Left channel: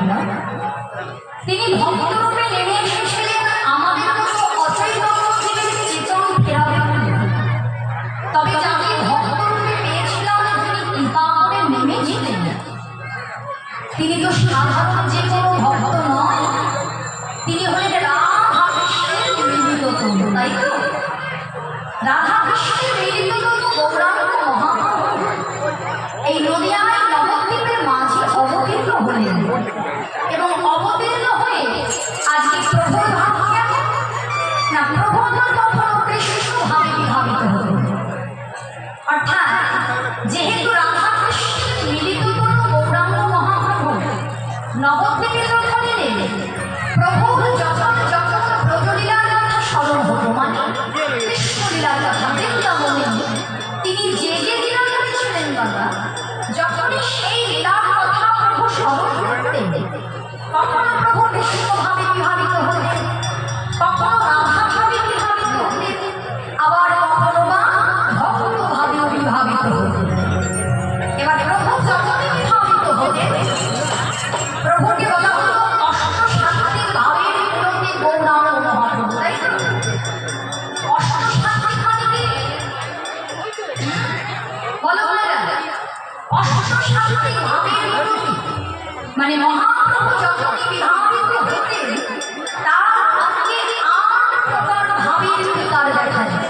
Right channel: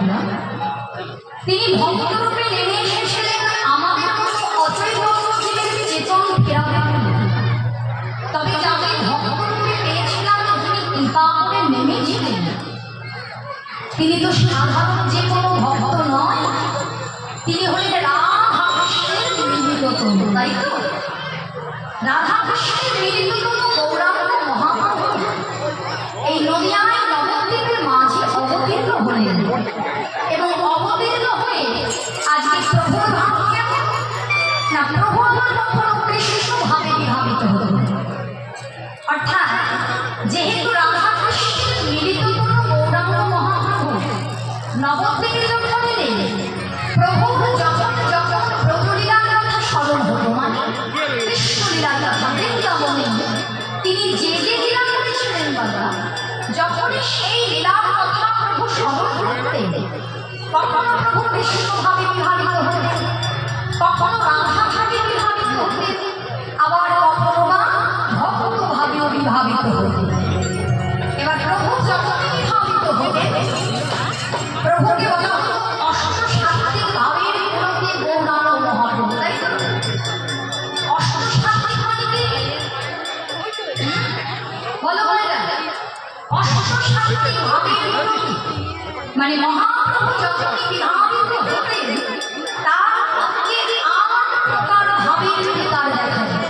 বাংলা। তিনি ভক্তরূপে নেমে এসেছিলেন আমাদের মতো অচৈতন্য জীবের চেতন ফেরাবেন। তবে যাকে ভক্তরূপে পেয়েছিলাম তিনি কৃপা করে নেমেছিলেন। তিনি তো সাধারণ যে কোনো ভক্ত নয়, তিনি হলেন রাধা কৃষ্ণের মিলিততম, তাই তো? রাধা কৃষ্ণের মিলিততম গৌরাঙ্গ মহাপ্রভু এই নদিয়ায় নবদ্বীপের মাঝে অবতীর্ণ হলেন এবং অবতীর্ণ হয়ে আজকে প্রভুর ভাব কেমন না, প্রভু আমার কখনো কৃষ্ণ ভাবে বিভাবিত হলেন। অর্থাৎ যেহেতু রাধা কৃষ্ণের মিলিততম গৌরাঙ্গ মহাপ্রভু নবদ্বীপে যখন এলেন, প্রভুর যখন যখন ব্রজলীলার কথা স্মরণ হতো, মানে কৃষ্ণলীলার কথা, বৃন্দাবনে তিনি যে যে লীলা করেছিলেন বাবা, যখনই সেই লীলার কথা প্রভু স্মরণ করতেন, কখনো প্রভু কৃষ্ণভাবে বিভাবিত হতেন, কখনো রাধাভাবে বিভাবিত হতেন, আবার কখনো বা ভক্তভাবেও বিভাবিত হতেন। এবার প্রভু যখনই বিভাবিত হতেন, প্রভুকে বলা হতো অষ্টসাত্ত্বিক ভাবের বিরোধী গৌরাঙ্গ মহাপ্রভু, তাই তো? অষ্টসাত্ত্বিক মানে কি? বলো বলে গেল অষ্টসাত্ত্বিক ভাবের বিরোধী মানে মহাপ্রভু যখনই বিভাবিত হতেন তার মধ্যে ৮ প্রকার ভাবের বিকার দেখা যায়।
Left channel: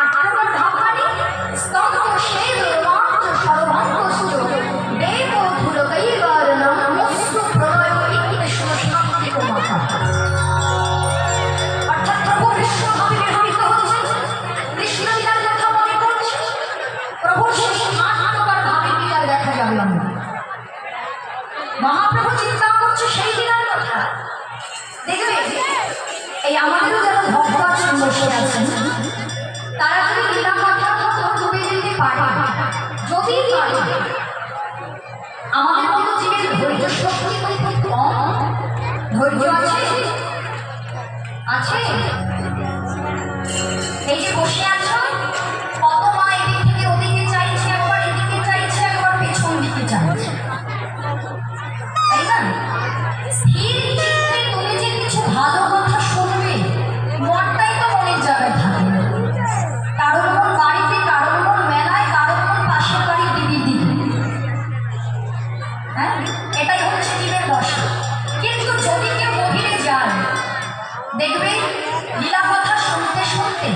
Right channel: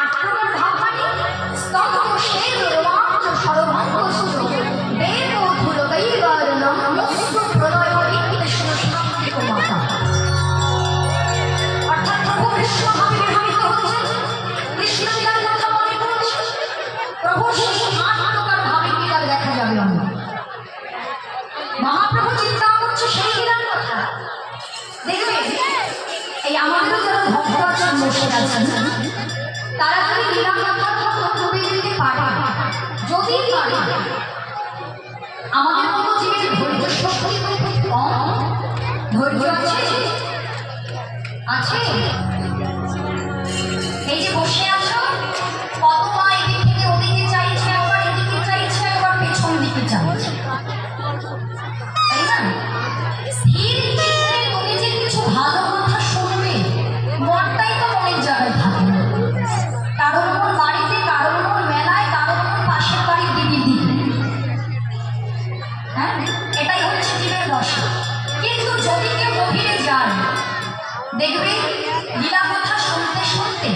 ৮ প্রকার ভাব মানে স্তম্ভ শের রোমাঞ্চ সর্বাঙ্গ সুর দেব ধুল কৈবর্ণম মস্তু প্রলয় কৃষ্ণ শান্তিক মাতা। অর্থাৎ প্রভু কৃষ্ণভাবে বিভাবিত হচ্ছেন, কৃষ্ণলীলার কথা মনে করছে, প্রভুর সেই ৮ প্রকার ভাবের বিকার দেখা যাবে। মহাপ্রভু চিন্তা করছে সেই লীলার কথা। দেখবে এই আমাদেরও যারা ভক্ত আছেন, বসে আছেন, তারা যদি লীলা কথার মতো ডুবে যেতে পারে, যদি পারে, আমাদের মতো জীবের ধৈর্য শক্তি খুব কম। ধৈর্য আছে আছে এই যে বসে আছো, কত মা এদিক থেকে ওদিকে চাইছে, একবার এদিকে চাইছে, একবার পেছন দিকে চাইছে, তাই না? স্থির চিত্তে তুমি যে কিছু ভালো কথা শুনবে, মনটাই তো মনের জায়গায় থাকে। কারোর মন বাড়িতে, কারোর মন মেলায়, কারোর মন পাশের বাড়ির দিদির দিকে। হ্যাঁ, এটাই হচ্ছে জীবের দশা। কিন্তু যদি কেউ গভীরে যায়, দেখবে লীলা কথা শুনতে শুনতে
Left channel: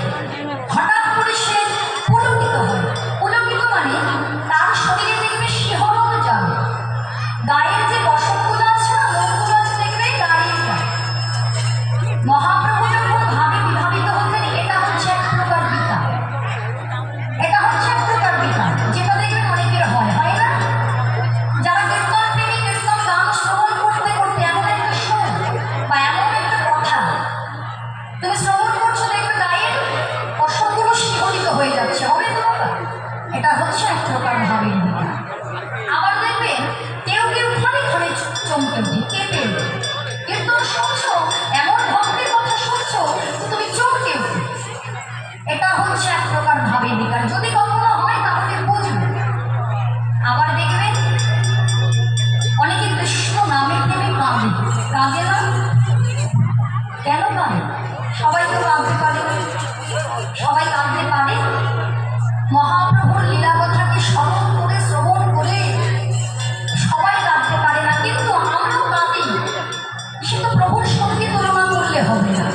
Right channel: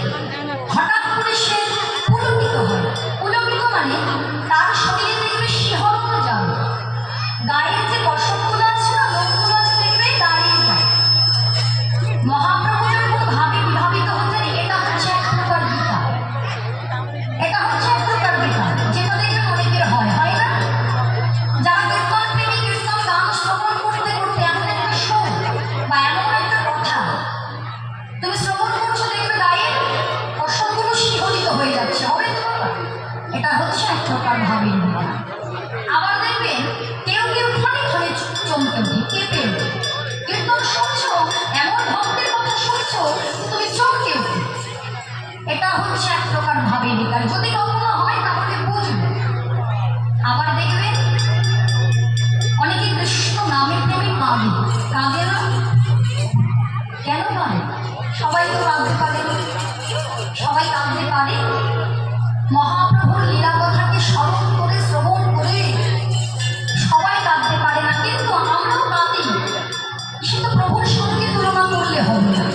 হঠাৎ করে সে পুলকিত হয়। পুলকিত মানে তার শরীরে দেখবে শিহরণ যাবে, গায়ের যে বসনগুলো আছে না, লোকগুলো আছে, দেখবে দাঁড়িয়ে যায়। মহাপ্রভু যখন ভাবে বিভাবিত হতেন, এটা হচ্ছে এক প্রকার বিকার, এটা হচ্ছে এক প্রকার বিকার, যেটা দেখবেন অনেকের হয়, হয় না? যারা কীর্তন প্রেমী, কীর্তন গান শ্রবণ করতে করতে এমন একটা সুর বা এমন একটা কথা তুমি শ্রবণ করছো, দেখবে গায়ের বসনগুলো শিহরিত হয়ে যাচ্ছে, হবে তো বাবা? এটা হচ্ছে এক প্রকার ভাবের বিকার। আবার দেখবেন কেউ কেউ ক্ষণে ক্ষণে চমকে উঠে, কেঁপে উঠে। কীর্তন শুনছো, এমন ভক্তের কথা শুনছো তুমি চমকে উঠে, এটা হচ্ছে এক প্রকার ভাবের বিকার। যদি কখনো হয় তাহলে বুঝবে। আবার দেখবেন অনেকে কৃষ্ণ নামে প্রেমে কাঁদে, কাঁদে না? কেন কাঁদে? সবাই তো কাঁদতে পারে, সবাই কাঁদতে পারে। মহাপ্রভুর লীলা কথাকে স্মরণ করে, শ্রবণ করে সবাই কাঁদতে পারে না, কিন্তু আমরাও কাঁদি। সে তো প্রভুর সঙ্গে তুলনা করলে হবে না।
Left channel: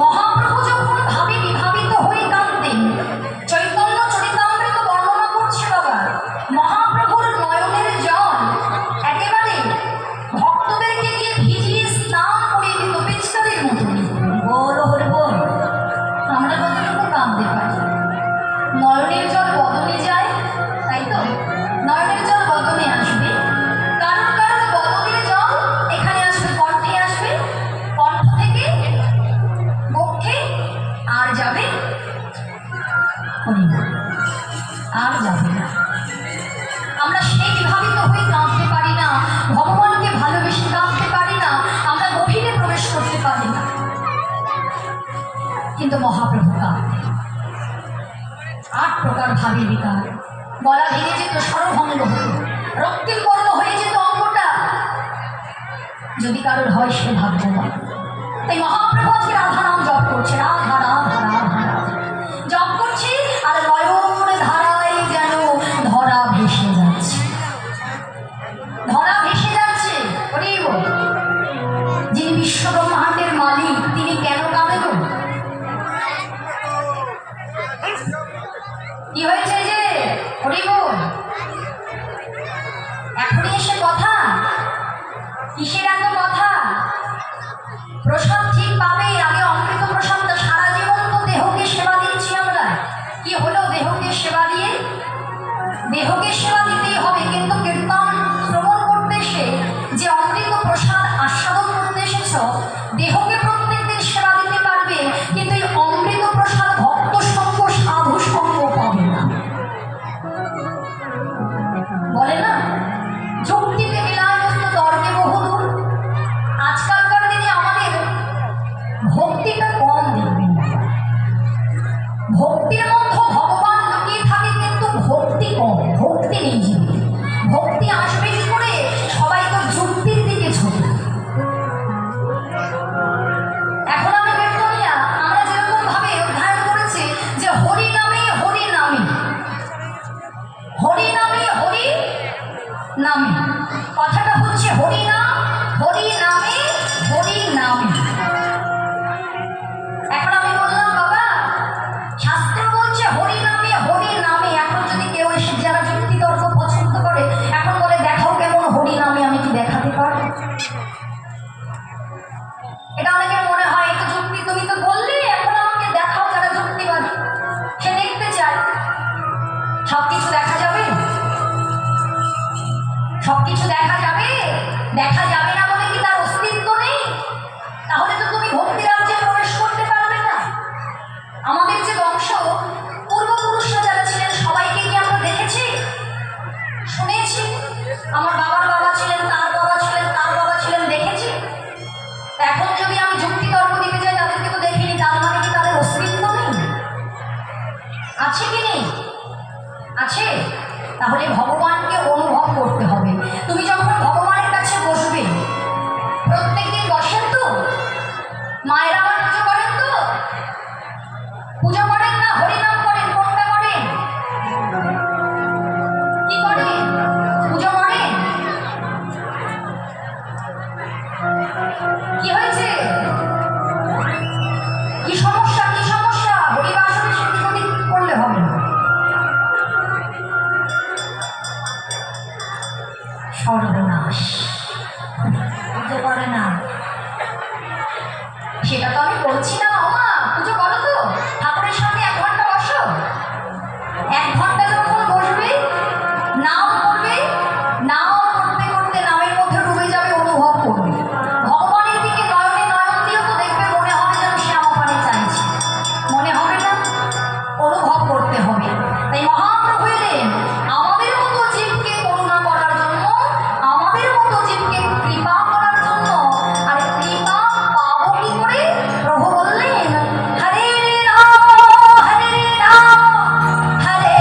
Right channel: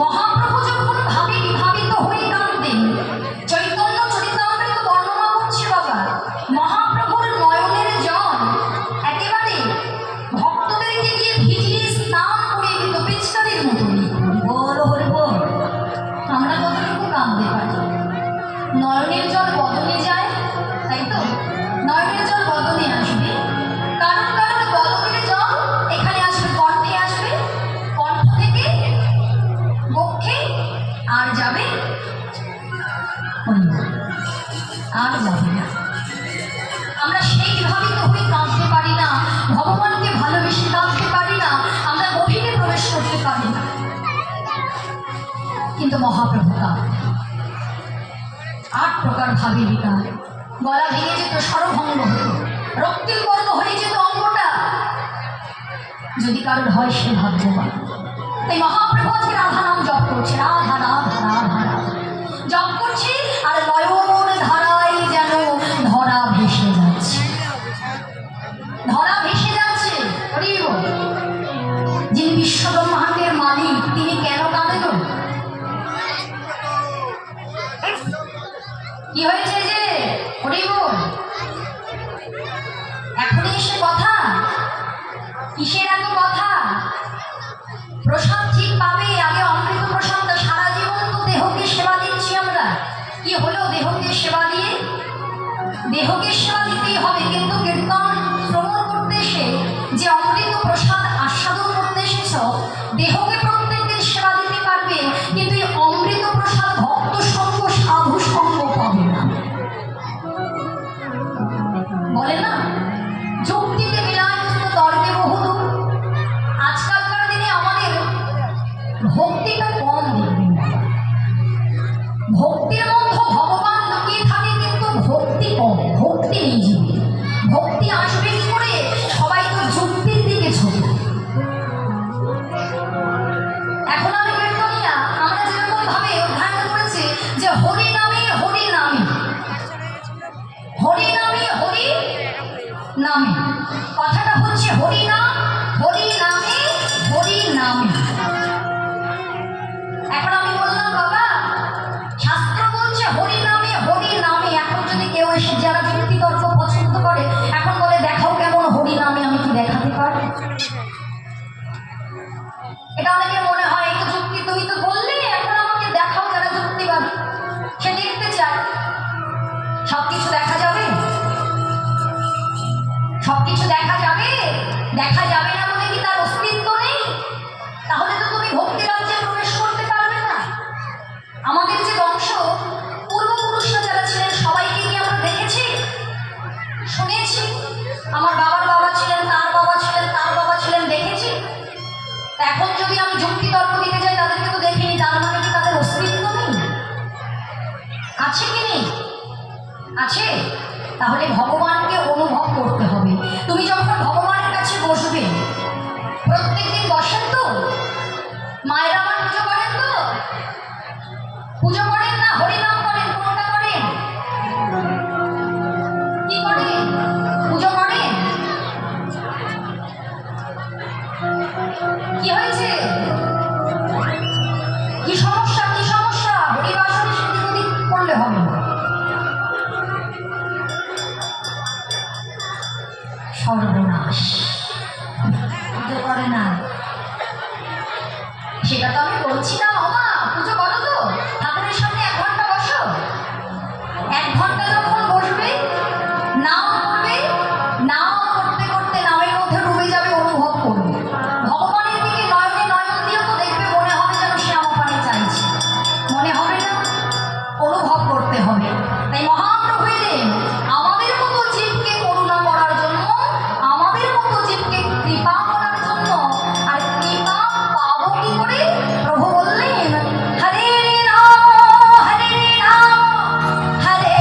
মহাপ্রভু যখন ভাবে বিভাবিত হয়ে কাঁদতেন, চৈতন্য চরিতামৃত বর্ণনা করছে বাবা, মহাপ্রভুর নয়নের জল একেবারে ভক্তদেরকে গিয়ে ভিজিয়ে স্নান করিয়ে দিত পিচকারির মতনই। বল হরে বল, আমরা কতটুকু কাঁদতে পারি? নয়নের জল বদনে যায়, তাই তো? নয়নের জল বদনে আসবে, কারণ কারণ বদনের জল এখানে আসবে, কণ্ঠে আসবে, কণ্ঠ থেকে বক্ষে, আর যাবে আর যাবে না। আমরা সেই বিভাবিত হয়ে কাঁদতে পারি না, ভগবানকে ভালোবেসে কাঁদতে পারি না, আমরা গভীরে প্রবেশ করতে পারি না। কিন্তু মহাপ্রভু কাঁদতেন। ৮ প্রকার ভাবের বিকার। গলা ভেঙে যেত, স্বরভঙ্গ হতো, রক্তিম বর্ণ হয়ে যেত অঙ্গটা, যদি কারোর হয় সে ভাগ্যবান। তাই মহাপ্রভু আজকে রাধা নাম জপ করছে, রাধা রাধা রাধা রাধা জপ করছে, আর নয়ন ধারায় যেন ধরা ভেসে যাচ্ছে, ধরা ভেসে যাচ্ছে। যিনি বিশ্ব ব্রহ্মাণ্ডের মালিক তিনি কেন কাঁদেন? কি হয়েছে যে হরিব এখনই এসে কথা? কিসের এত কথা? প্রসাদ ঠিক পাবে, আগে অমৃত প্রসাদটা। সারা জীবন তো দেহকে সেবা দিচ্ছি আমরা, কি হলো দেহকে সেবা দিয়ে? দেহকে সেবা দিতেই হবে, কিন্তু কীর্তন শ্রবণ করতে এসে যে অমৃত প্রসাদ আস্বাদন করতে এসেছ, দেহকে প্রত্যেকদিন সেবা দিতে পারবে, কিন্তু এই অমৃত প্রসাদ ভক্ত সঙ্গ সাধু সঙ্গ পাবে না। বলে না যুক্তিতে মিলায়স্ত তর্কে বহুদূর। আজকালকার দিনে আমাদের ভক্তিটা কম দেখবেন, ভক্তির মধ্যে ভগবান লুকিয়ে থাকে কিন্তু ভক্তি কম, ভক্তি নেই জীবে। ভক্তি আসবে কি করে? সবাই তো যুক্তির দিকে ছোটে। এখন আমি কীর্তনিয়া, আমরা যেরকম ভাবে অধ্যয়ন করেছি যে হরি নামে হরি নামে, হরি নামে হরি নামে, কথাটা হচ্ছে হরি নাম, হরি নামে হরি নামে। এখন আমি বললাম বাবা শাস্ত্র বলছে হরি নামে হরি নামে। এখন যদি কেউ এসে যারা যুক্তি তর্ক পছন্দ করে এখন বলে দেখাও কেমন হরি নামে, আমি কি দেখাতে পারবো? এটা অনেকের মনে হয় একটু যুক্তি, তুমি তো বললে এখন আমাকে দেখাও, যারা যুক্তিবাদী সে দেখতে চায়। সবকিছু দেখা যাবে? সবকিছু দেখা যাবে? দেখা যাবে না বলে কি তার অস্তিত্ব নেই? তাহলে তো তুমি ভক্তি রাজ্যে প্রবেশ করতে পারবে না। আমাদের যে বংশ পূর্বপুরুষরা যারা ছিলেন সবাইকে কি আমরা দেখেছি, শুনেছি? আমার বাবার বাবা ছিলেন, তার বাবা ছিলেন, তার বাবা ছিলেন, দেখেছি। এখন যদি আমি যুক্তি তর্ক দিতে যাই তাদেরকে তো দেখিনি, তার মানে কি তাদের অস্তিত্ব নেই? আছে কি নেই? আছে। তাহলে ভগবানকে অনুভব করতে হবে। তুমি যখন ভগবানের কাছে বসবে, প্রত্যেকদিন বসেন তো? মায়েরা আমার পুজো করেন তো? পুজো করেন না হরিনাম করেন? কোনটা করেন? কি করেন? পুজো করেন? কি হয়েছে? কি সমস্যা? কি সমস্যা? হরিবাসরে সেদিক ওদিক করলে হবে না। সর্বনাশ, পুজো করে না সেটা তো আমি বলছি না। মামা পুজো করো তো, ঠাকুরের সামনে 1 ঘন্টা বসো। 1 ঘন্টা যখন বসবে, নাম করবে, নাম করতে করতে নামের মধ্যে ডুবে যাবে, অনুভব করবে। ভগবানের দিকে নয়নে নয়ন দিয়েও তো দেখবে মনে হবে যেন সে আমার পানে চাইছে, মনে হবে না? অনুভব করতে হবে। তাই মহাপ্রভু এলেন আমাদের মতো জীবকে করুণা করার জন্য, আমাদের মতো জীবকে কৃপা করার জন্য। আর কৃপা পাবো কি করে? প্রভু বললেন হরে রাম হরে রাম হরে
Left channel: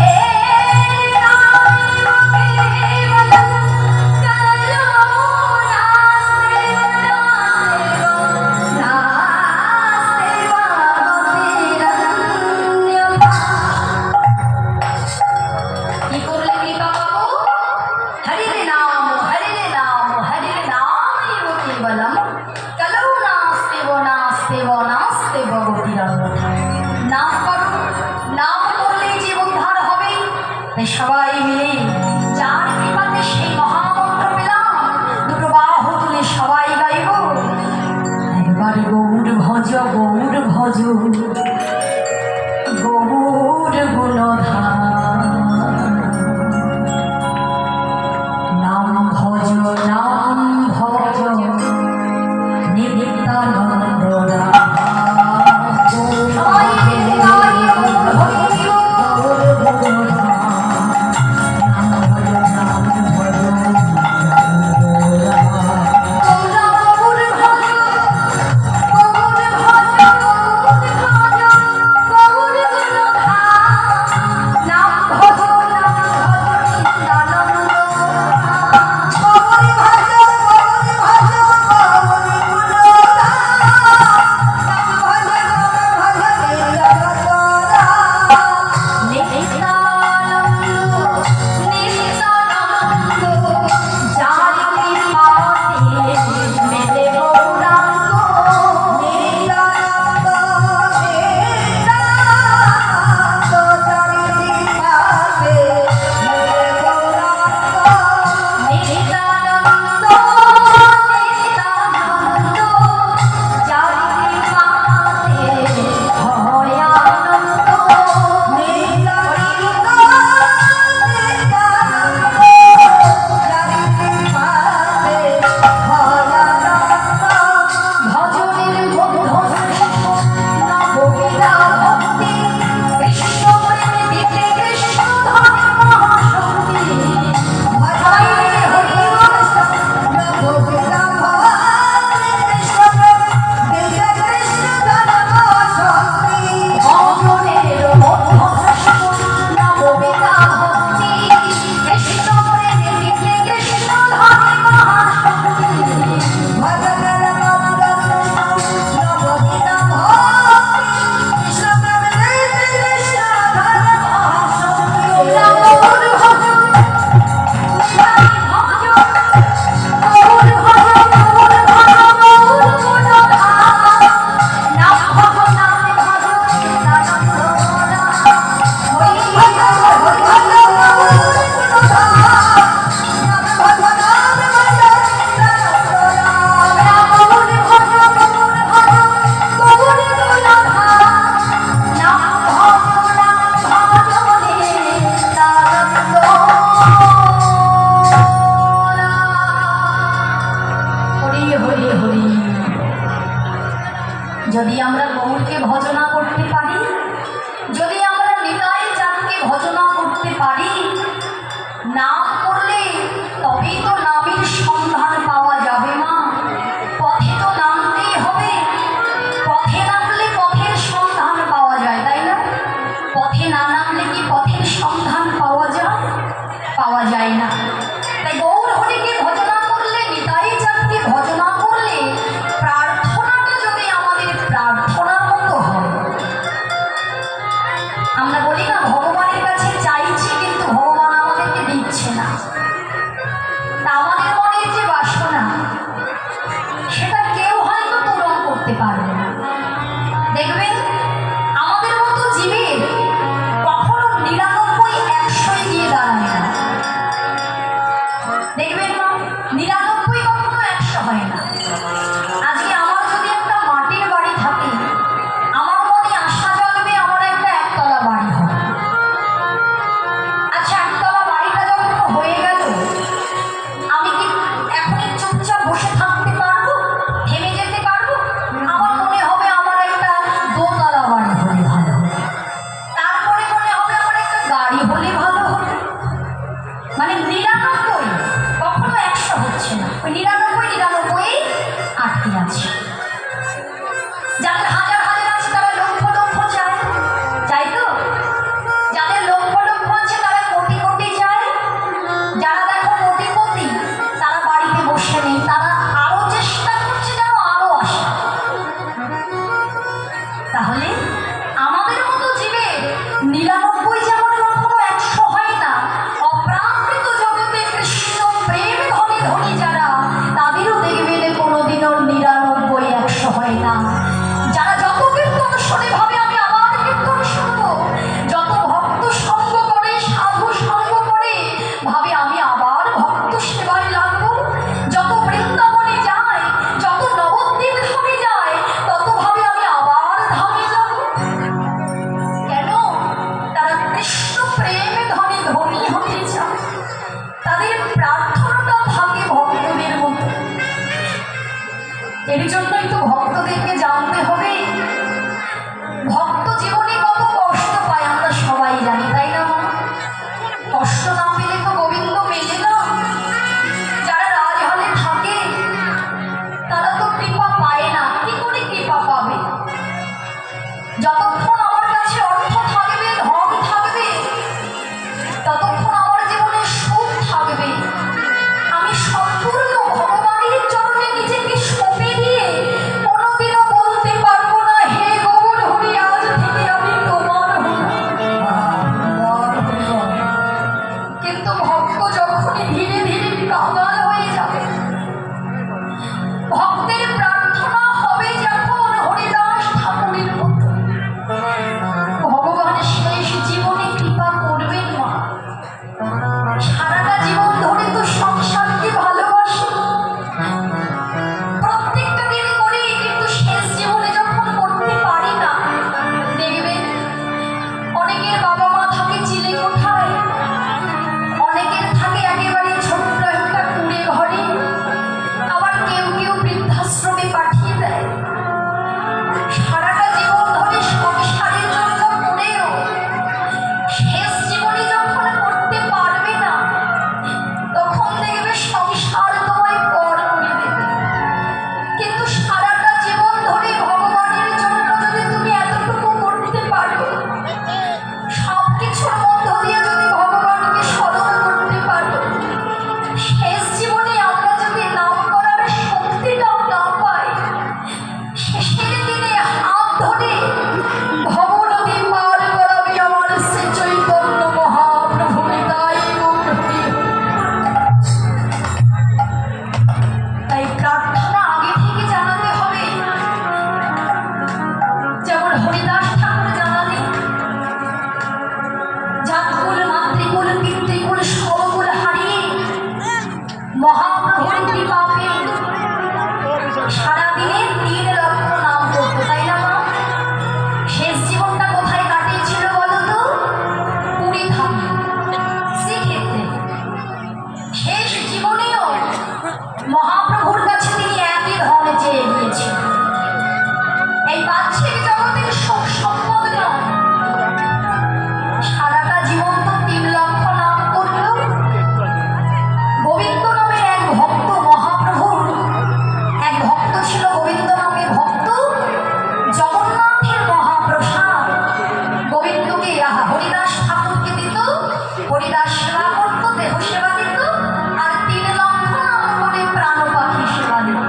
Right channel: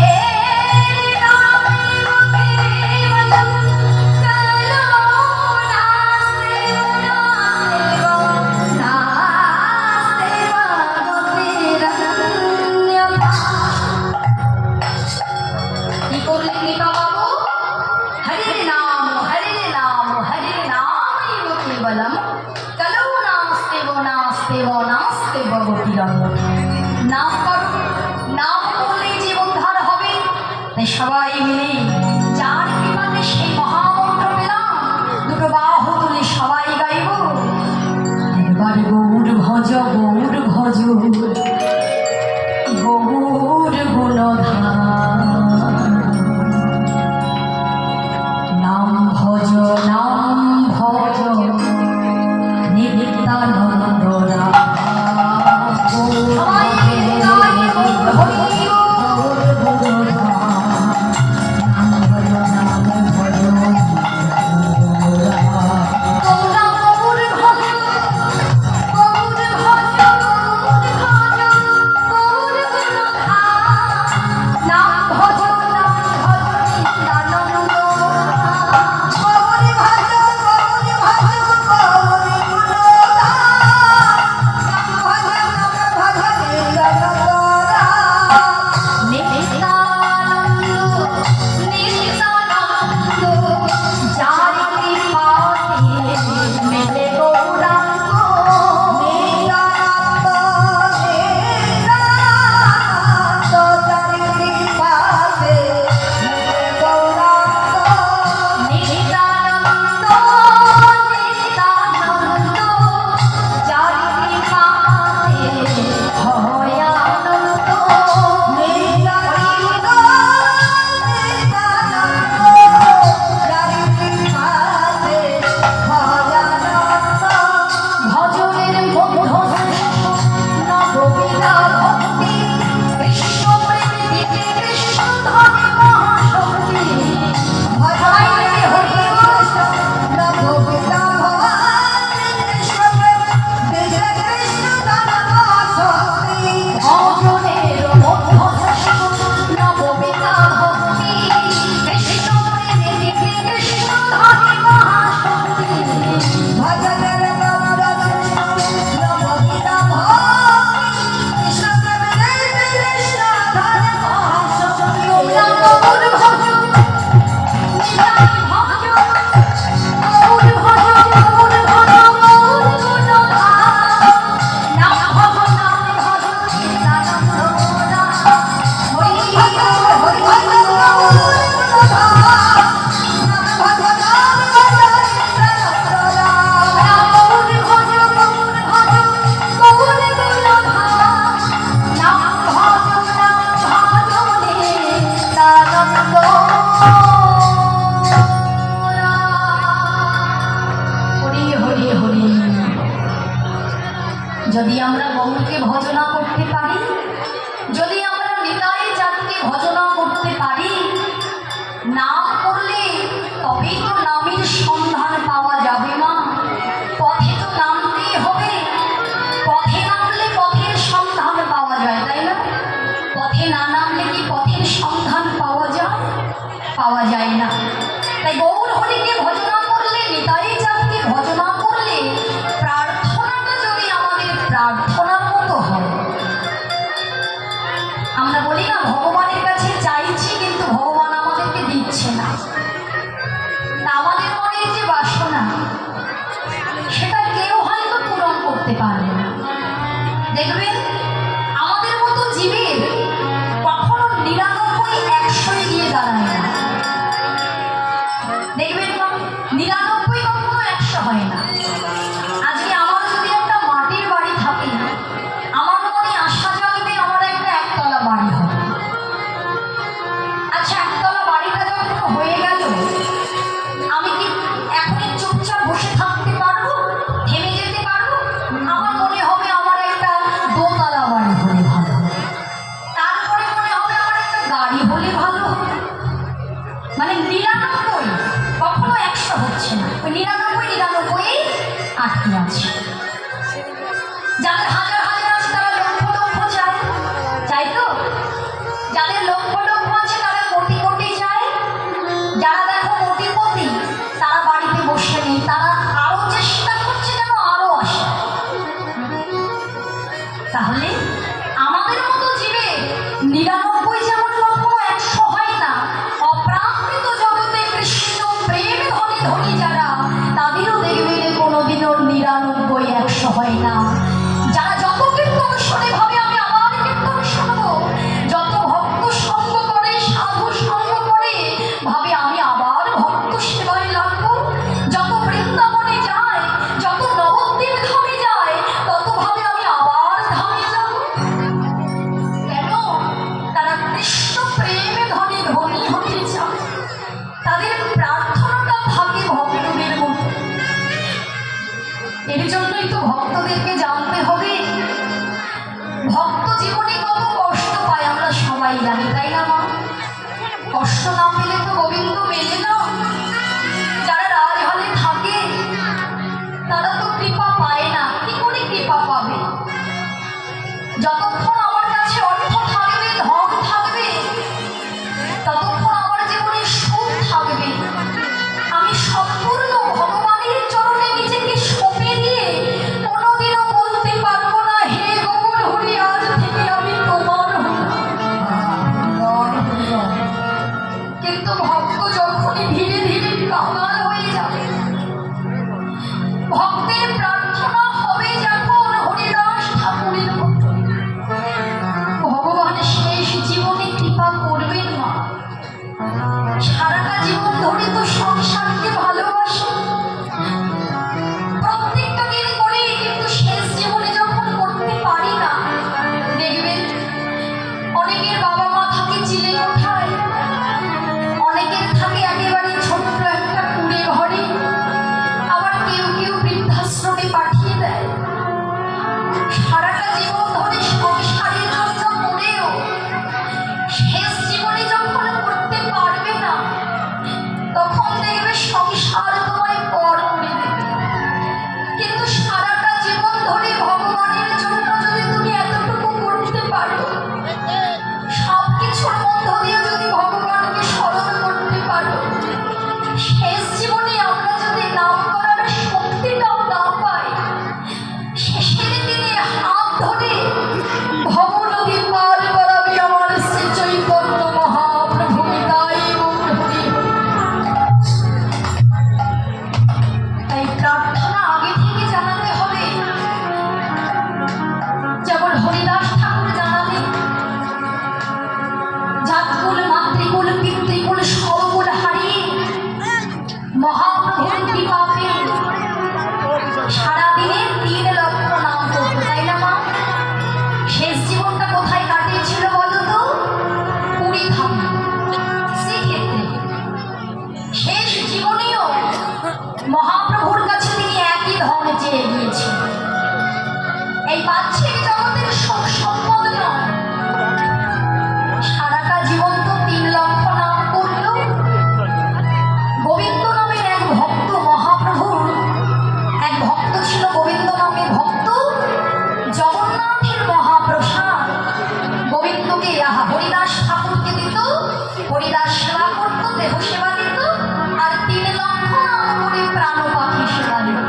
যদি আমরা গৌরকে ভজনা করতে পারি, যদি আমরা নিতাই চাঁদকে ভজনা করতে পারি, নাম করলে তবেই তো নামের সন্ধান পাওয়া যাবে মা। পথে তো নামতেই হবে, পথে নামলে পথের সন্ধান পাওয়া যায়, তাই না? পথে না নামলে কি পথের সন্ধান পাওয়া যায়? পাওয়া যায় না। তাই গৌর হরিকে ভজনা করলে, নিতাই চাঁদকে ভজনা করলে প্রার্থনাটা যদি আমাদের প্রার্থনার মতো হয়। আমরা বলি না ভগবানের কাছে চাইছি কিন্তু ভগবান আমাদেরকে দিচ্ছে না। আমাদের মনের যে বাসনা সেটা কেউ হয়তো পূরণ করতে পারবে না। দেখবেন আমাদের মতো জীবের কখনো ৯৯ ১০০ গিয়ে দাঁড়ায় না। দেখবেন ৯৯ কখনো ১০০ হয় না। আজকে আমার যদি একটা মাটির বাড়ি থাকে, আমার মনে আশা জাগবে আমার একটা একতলা বাড়ি হবে। আচ্ছা, একতলা বাড়িটা যখন হয়ে গেল, আমি কি এখনই চুপচাপ বসে থাকতে পারবো? থেমে যেতে পারবো? আমার মনে হবে আমার একটা দোতলা বাড়ি হলে ভালো হবে, তারপরে মনে হবে আমার একটা গাড়ি হলে ভালো হবে। মানে ৯৯ কখনো ১০০ হচ্ছে না, ওই ৯৯ আটকে আছে। যাদের হাজার হাজার আছে তারা লক্ষ লক্ষ চায়, চাই তো? যাদের লক্ষ লক্ষ আছে তারা কোটি কোটি চায়। যারা দেখো কোটিপতি তারা বাড়িতে বসে নেই, তারা আরো চেষ্টা করছে যেন আরো আসে। তাহলে আমাদের মতো জীবে ৯৯ যেমন কখনো ১০০ হয় না, অপ্রাকৃত জগতে কৃষ্ণ প্রেম ধনে ধনী যারা, তাদেরও দেখবে কোনোদিনও ৯৯ ১০০ হয় না। যারা মহাপ্রভুর কাছে তিনি একই ধর্মে চেয়ে গিয়েছেন। এই বাহ্যিক জগতের সুখ সম্পদ নয়, সারাটা জীবন তো 3 লক্ষ নাম করল। গোবিন্দ নামে এক ভক্ত, মহাপ্রভুর এক ভক্ত ছিল গোবিন্দ নামে ভক্ত। জগন্নাথের মহাপ্রসাদ গোবিন্দকে হরিদাস ঠাকুরকে দিত, হরিদাস সেবা করত, দেহ সেবা দিত, আর 3 লক্ষ নাম করে প্রাণ পাখি সেবা দিত।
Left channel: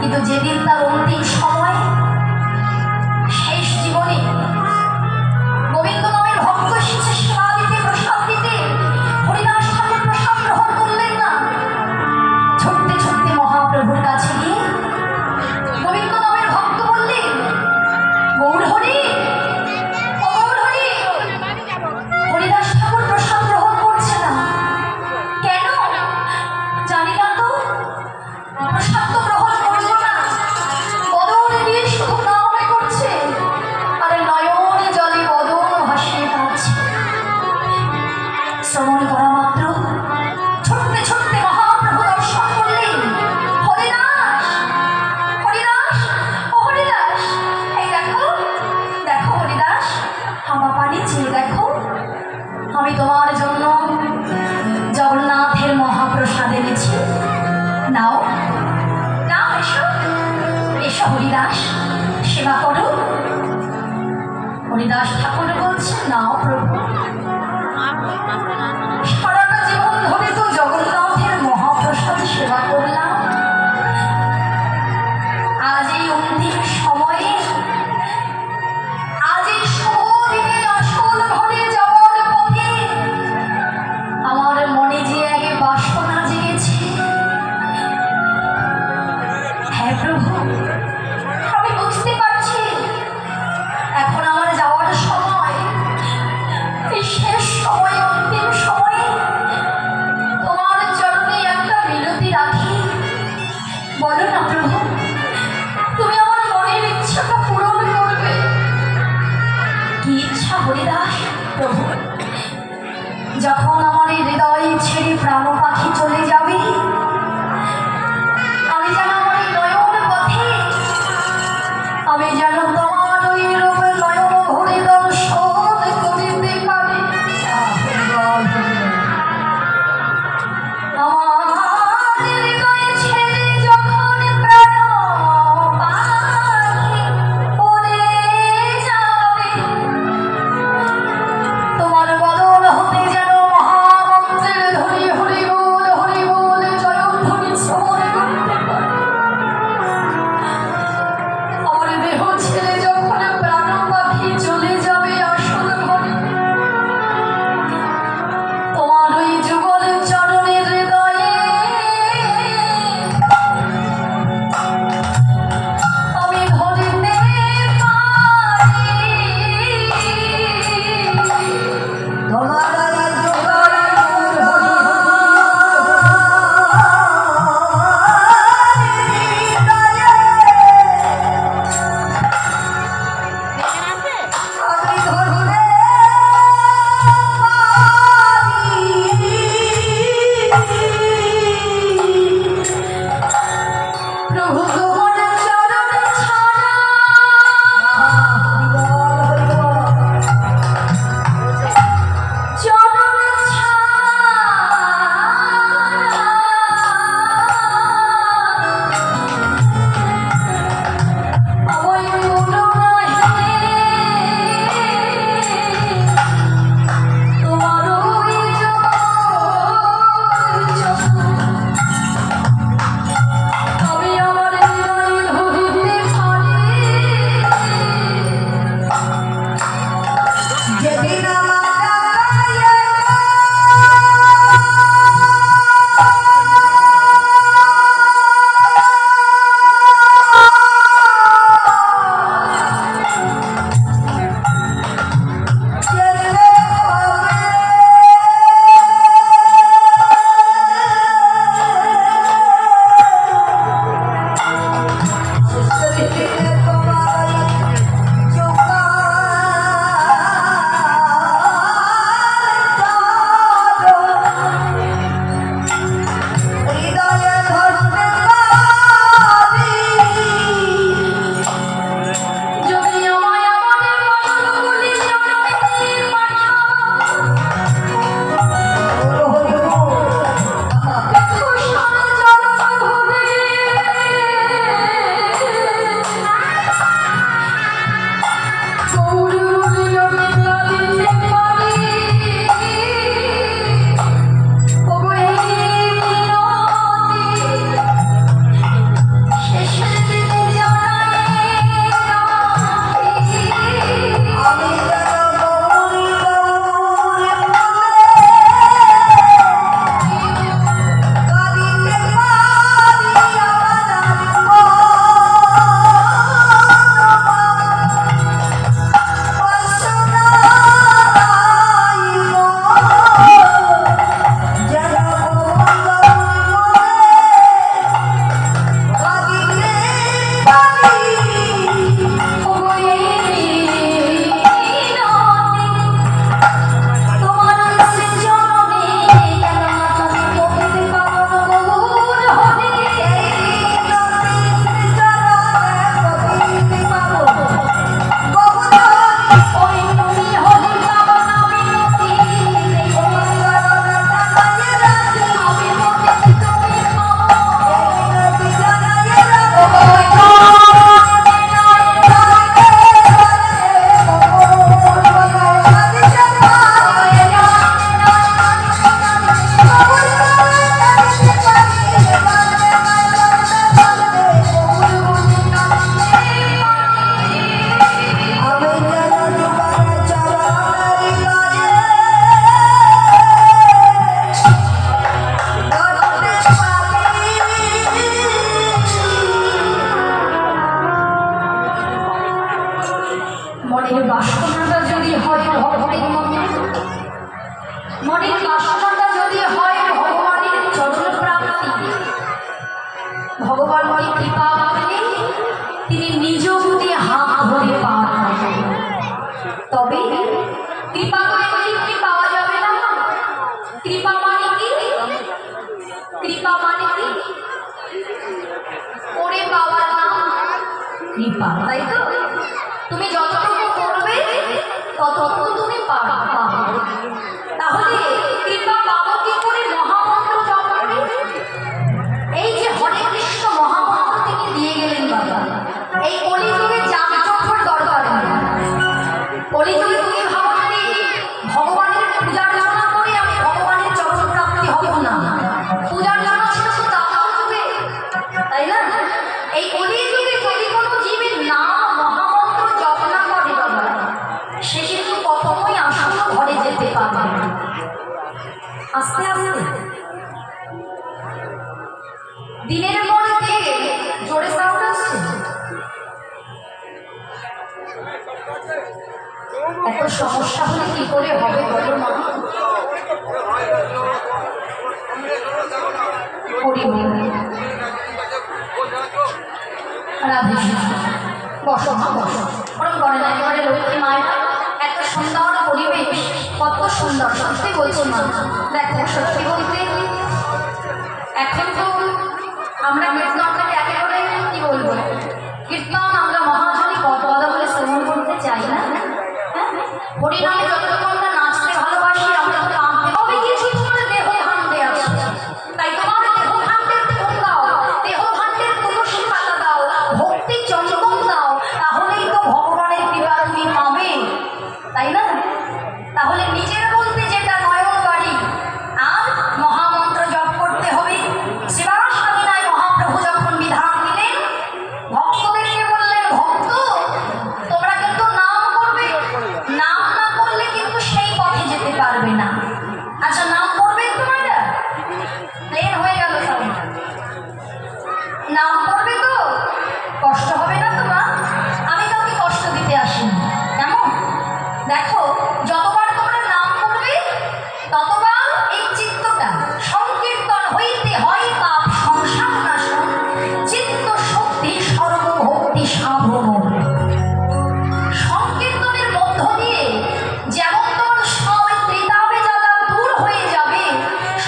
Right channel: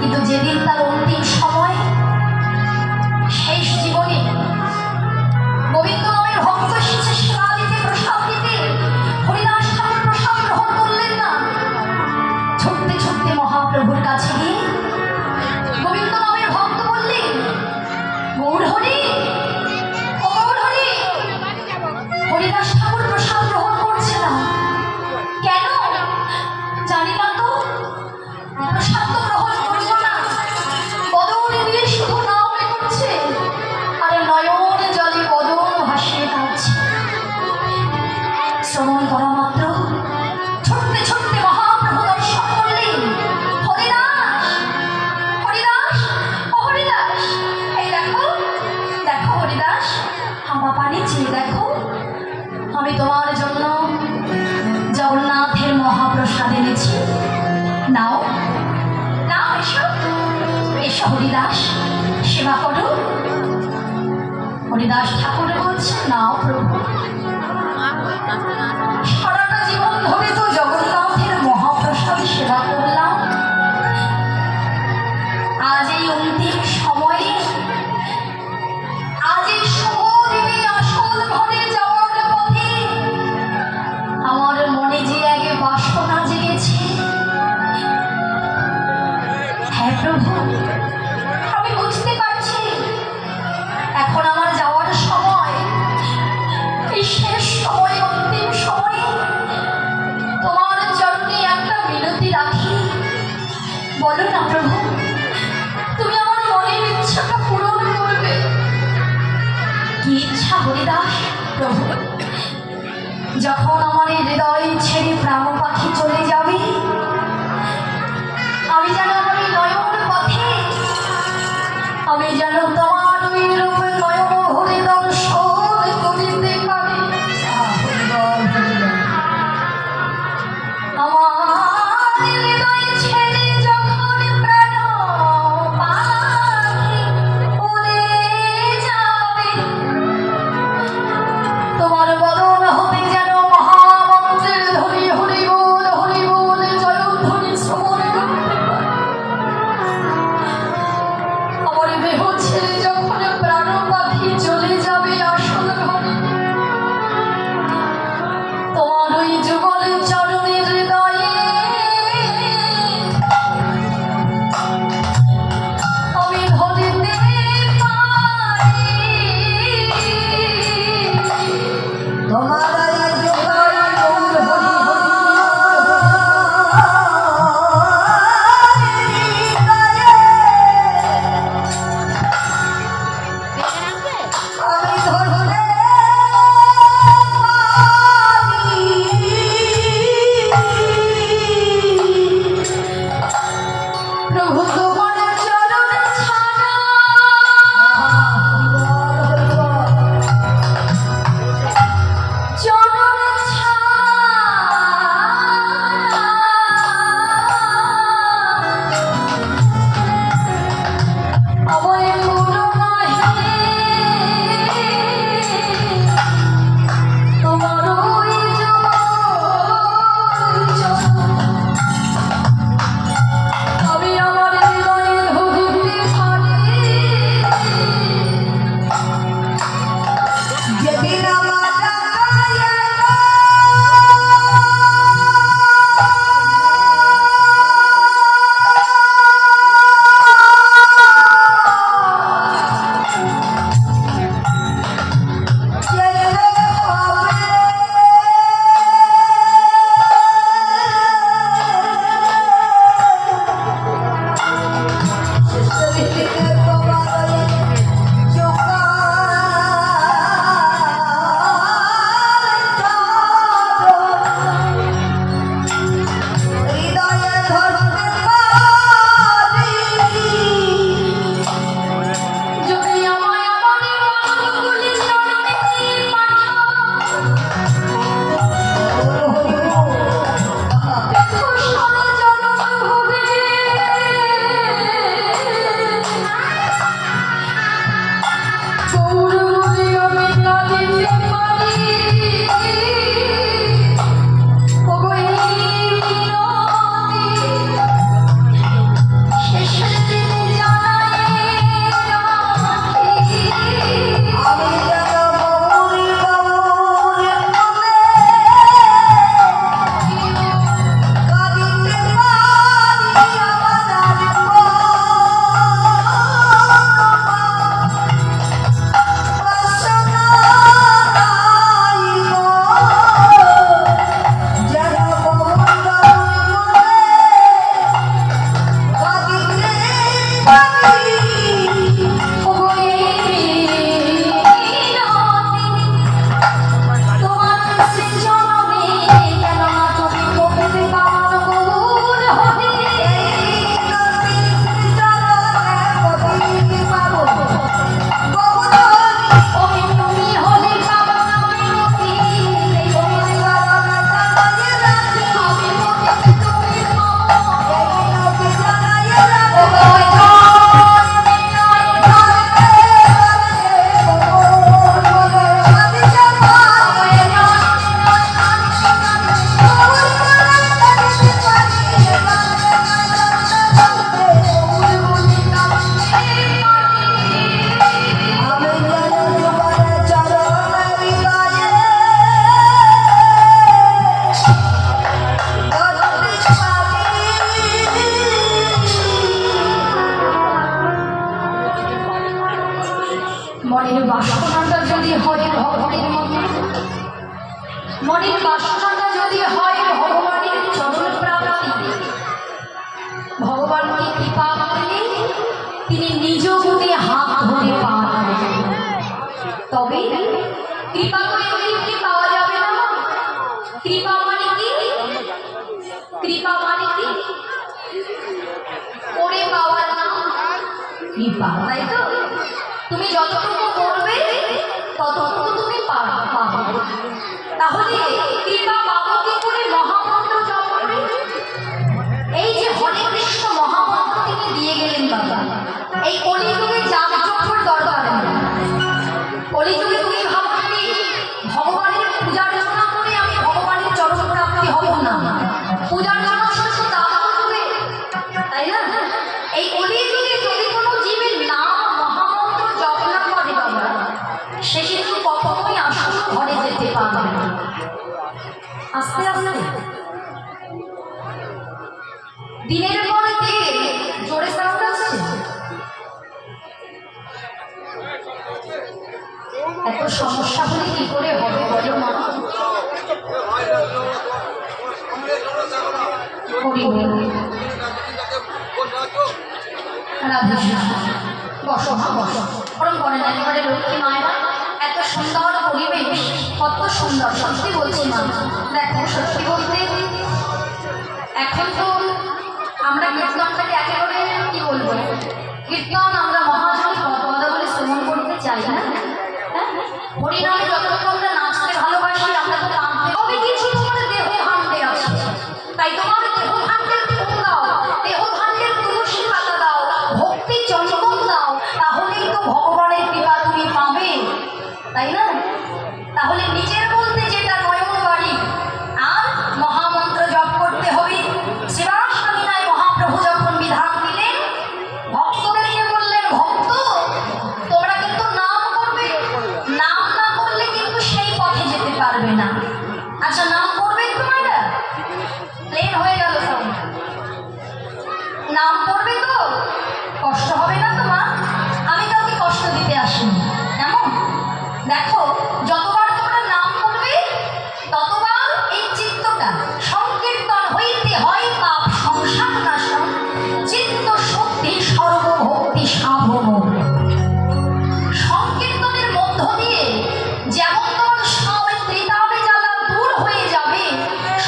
কিন্তু যেদিন তার অন্তিম সময়, শেষ জীবনে গোবিন্দ নামের ভক্ত এসেছে সেবা দিতে, প্রসাদ দিতে, হরিদাস ঠাকুর প্রসাদ গ্রহণ করলেন না। ছুটতে ছুটতে মহাপ্রভুর কাছে গিয়ে গোবিন্দ নামের ভক্ত বললেন, গৌর হরি, ও গৌর হরি, হরিদাস ঠাকুর প্রসাদ গ্রহণ করছে না কেন? জানি না তো, প্রসাদ তো গ্রহণ করবো না, বদনে দিয়ে শুধু নামে করছে, আর নয়নে জলে বদন ভাসিয়ে কাঁদছে। শ্রবণ করা মাত্র ছুটতে ছুটতে মহাপ্রভু দর্শন করলেন। হরিদাস, হরিদাস, ও হরিদাস, এই দেখো, দেখো হরিদাস, আমার পানি চেয়ে দেখো, আমি তোমার জন্য জগন্নাথের মহাপ্রসাদ এনেছি, নাও নাও, এসো এসো হরিদাস, সেবা করো। হরিদাস ঠাকুর বলছে, নাও প্রভু, সারাটা জীবন ধরে তো জগন্নাথের মহাপ্রসাদ সেবা করলাম, আজ এই অন্তিম সময়ে, আজ এই সমুদ্রে আসল ঘরে যাওয়ার পথে আমার মনে যে এক বাসনা জেগেছে, হ্যাঁ প্রভু, আমি বুঝতে পারছি এখন আমার যাওয়ার সময়, এই শেষ সময়, অন্তিম সময়ে তোমার চরণে একটা মিনতি রাখি। বলো না প্রভু, তুমি আমার মনের ইচ্ছাটা পূরণ করবে। কি ইচ্ছা হরিদাস? প্রভু, যখন আমার এই হৃদয় ছেড়ে প্রাণ পাখি চলে যাবে, আমি যেন আমার এই নয়ন পথে, আমি যেন তোমার ওই রূপে নয়ন ভরে দর্শন করিতে পারি। আমার হৃদয় ছেড়ে যখন প্রাণ পাখি উড়ে যাবে, তোমার বদন হতে যেন মহামন্ত্রের ধ্বনি হরি বল জয়ধ্বনি শ্রবণ করতে পারি। আমার দেহ ছেড়ে যখন প্রাণ পাখি চলে যাবে আসল ঘরে, তোমার ওই যুগল চরণের হৃদয়ে আমি ধরিতে পারি। তোমার কৃপা মানে কি? করে পাওয়ার নাম কৃপা, তাই তো? তুমি যতটুকু করবে ততটুকু তুমি পাবে। তাহলে কৃপা পাবো কি করে? মহামন্ত্র জপ করে। এই যে হরে কৃষ্ণ মহামন্ত্র তিনি দিয়ে গেলেন বাবা, এই কলিযুগে যাগযজ্ঞর দরকার নেই। কলিযুগে তুমি ভাবো কি ভগবানের পূজার্চনা করে আমি ভগবানের চরণ প্রাপ্তি হব না? পূজার্চনা শুধু তা হবে, তাই না? এই কলিযুগে যদি কোনো জীবের নাম মহামন্ত্র জপ না করে বাবা, সে কিন্তু কখনোই আসল ঘরে যেতে পারবে না। আস্তে আস্তে দিনের পর দিন জোরে সাউন্ড আসছে। এত সমস্যা হলে কি করে হবে বলো মা? বসো মা বসো, ওরম করে না, একেবারে লক্ষ্মী মায়ের এত সুন্দর পরিবেশ, কত সুন্দর। সত্যি বলছি মা, দেখো সত্যি বলতে এখন তো আমরা কীর্তনটাকে একেবারে কি বলবো, কীর্তন আমরা মহাজনী কত কথা বলে শ্রবণ করতে চাই না। হ্যাঁ, হরিনামে যতটুকু আমরা নাচতে ভালোবাসি, আমরা তো কাঁদতে হবে কিছু, তোমার দেহ ভাণ্ডে আছে, তাই তোমার দেহ ভাণ্ডের ফুল দাও, দেহ ভাণ্ডের তুলসী পাতা দাও, ভক্তি চন্দন দাও, তাহলেই তো ভগবানের কৃপা তুমি পাবে, তাই না? তাহলে নিজের বলতে যেটা নয়ন বাড়ি আর মহামন্ত্র জপ করতে হবে। শিবাসামিনায় মহাপ্রভু যখন বিধান দিলেন, ভক্তদেরকে বললেন, ভক্ত তোমরা কিন্তু নাম করবে, নাম না করলে কিন্তু সেই পথে যেতে পারবে না। আচ্ছা নাম করবে তোমরা? প্লেন হয়ে গেল সব। নাম করবে তো? কষ্ট হবে না তোমার? আমি কাউকে কষ্ট দিতে আসিনি, কেমন? দেখো যতবার তোমরা নাম করবে ততবার এই চিত্তটা সংকীর্তন হইতে হয় পাপ সংসার নাশন, চিত্ত শক্তি সর্বভক্তি সাধন। সংকীর্তনের মধ্য দিয়ে যেমন তোমার সব ত্রিতাবে জ্বালা দূর হয়ে যাবে,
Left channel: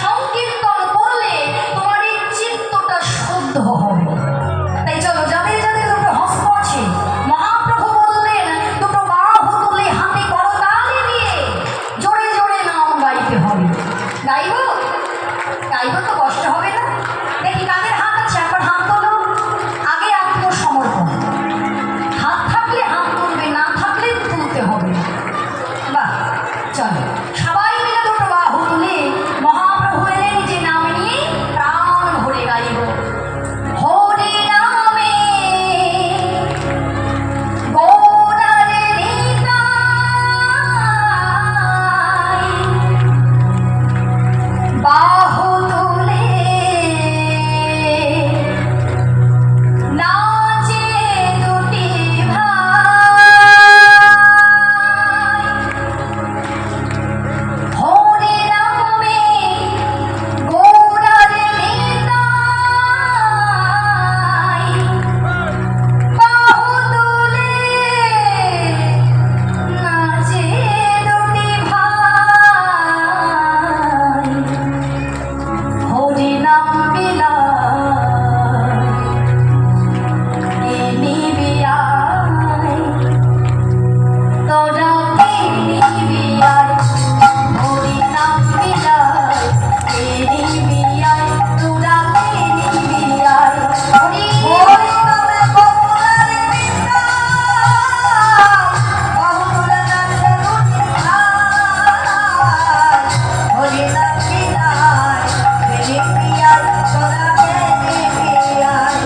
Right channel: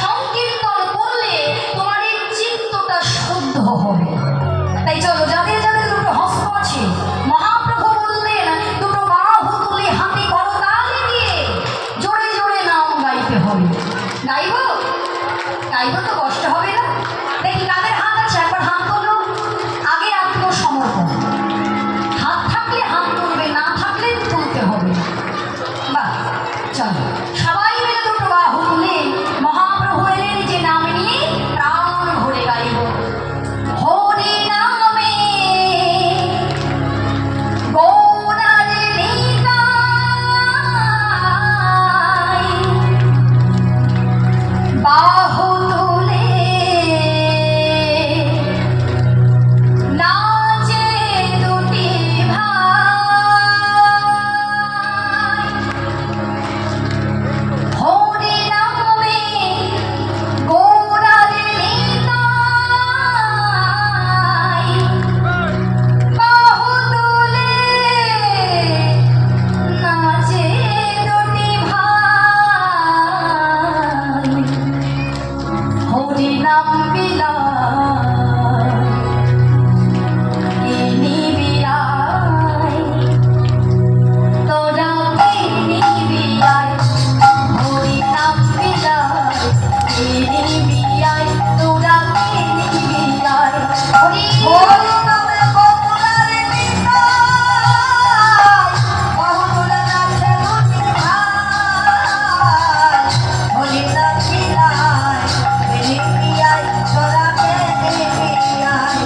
সংকীর্তন করলে তোমার এই চিত্তটা শুদ্ধ হবে। তাই চলো, যাদের যাদের দুটো হস্ত আছে, মহাপ্রভু বললেন দুটো বাহু তুলে হাতে করতালি দিয়ে জোরে জোরে নাম গাইতে হবে। গাইব? গাইব তো কষ্ট হবে না? দেখি কাদের হাত আছে, একবার হাত তোলো। আগে আত্মসমর্পণ, হাত থাকলে হাত তুলবে, না থাকলে তুলতে হবে। বাহ, চলো সবাই মিলে দুটো বাহু তুলে মহাপ্রভু এলেন যে নাম নিয়ে প্রাণ ভরে গাইব। হরি নামে গৌরারে নিতাই, বাহু তুলে নাচে দুটি ভাই। হরি নামে গৌরারে নিতাই, বাহু তুলে নাচে দুটি ভাই। হরি নাম বিনা কে নিবিয়াই, তোরা কে নিবিয়াই। হরি নাম বিনা কে নিবিয়াই, তোরা কে নিবিয়াই। হরি নামে গৌরারে নিতাই, বাহু তুলে নাচে দুটি ভাই। হরি নাম বিনা কে নিবিয়াই, তোরা কে নিবিয়াই।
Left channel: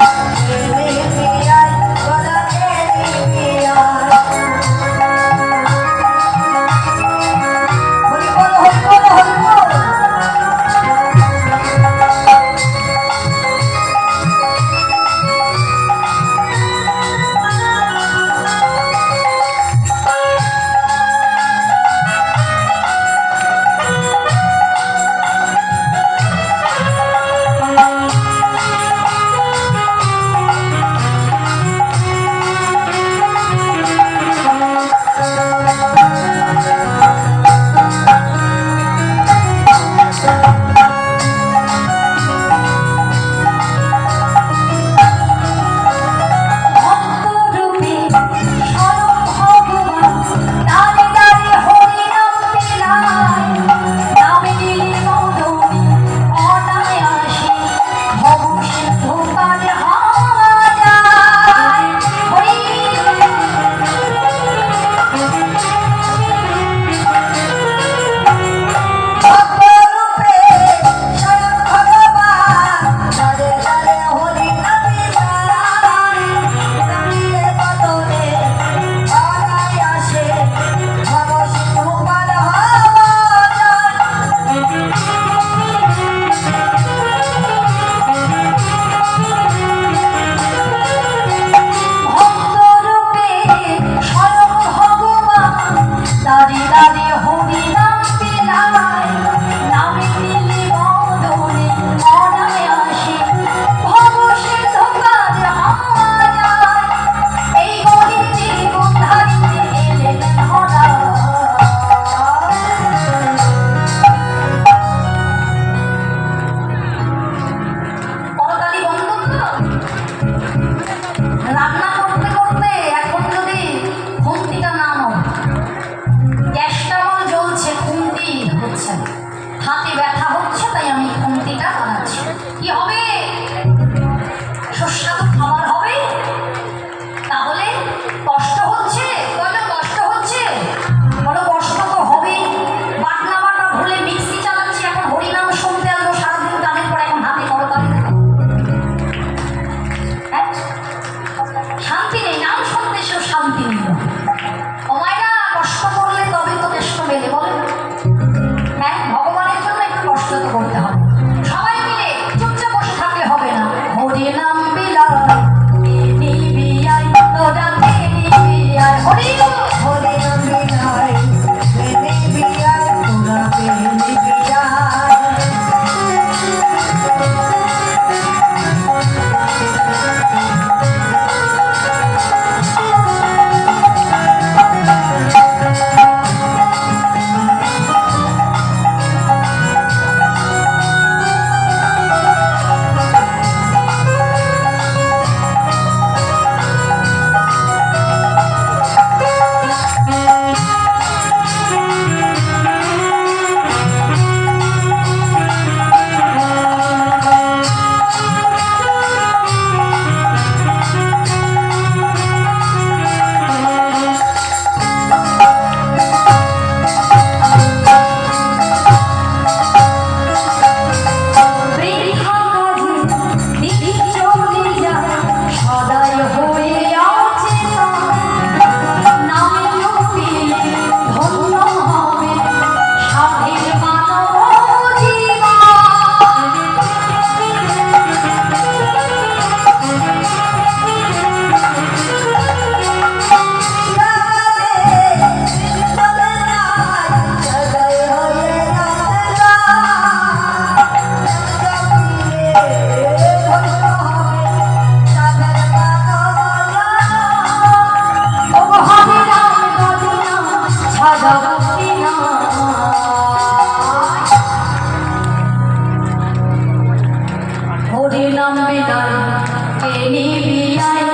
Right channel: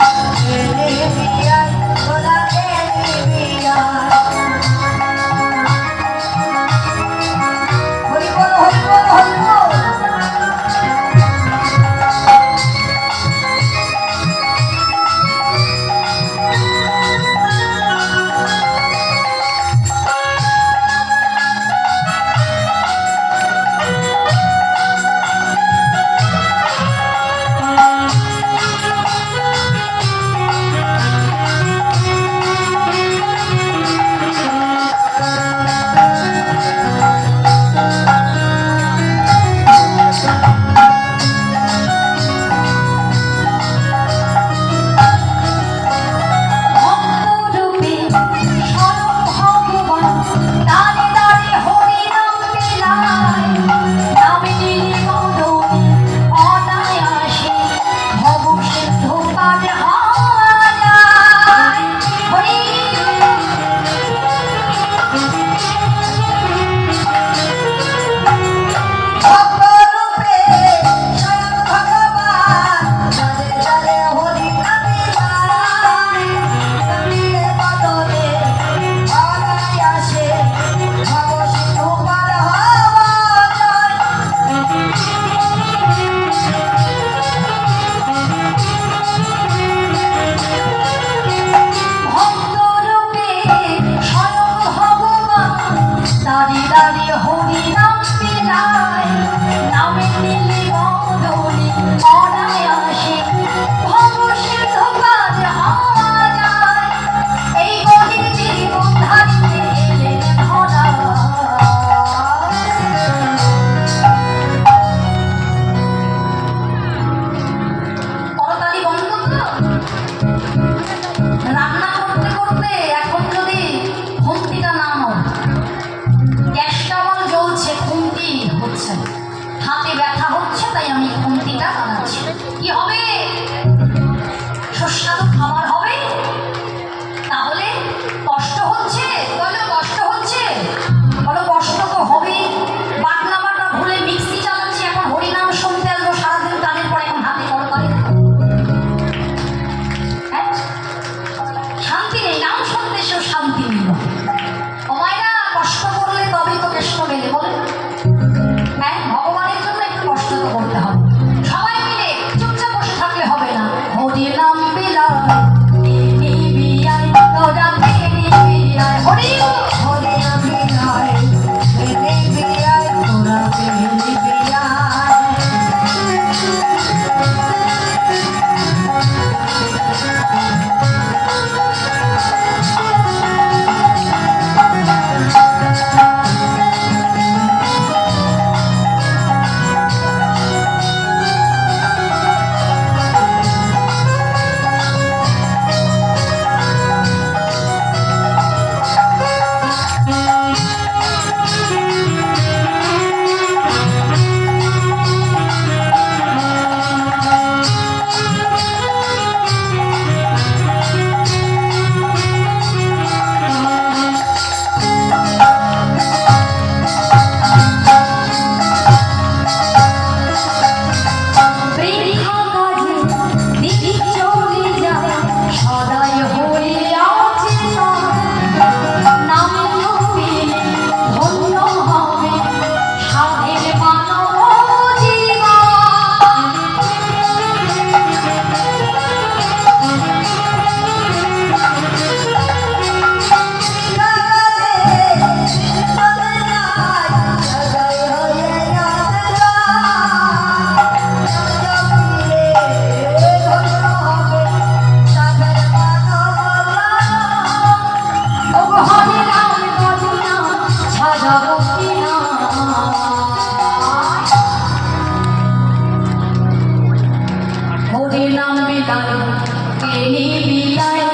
কে নিবিয়াই, তোরা কে নিবিয়াই। হরি বল, হরি বল, হরি বল। হরি হরে আমি নয় বেলি বিয়ায় তোরা বেলি বিয়ায় বৃথা কাজে দিন চলে যায় সদাই হয়ে আছে নাম জপিলে ধন্য হবে সাধের মানব জীবন হরে রাম বলিয়া সাধব বিনা হরে নাম বিলাই কে নিবিলায়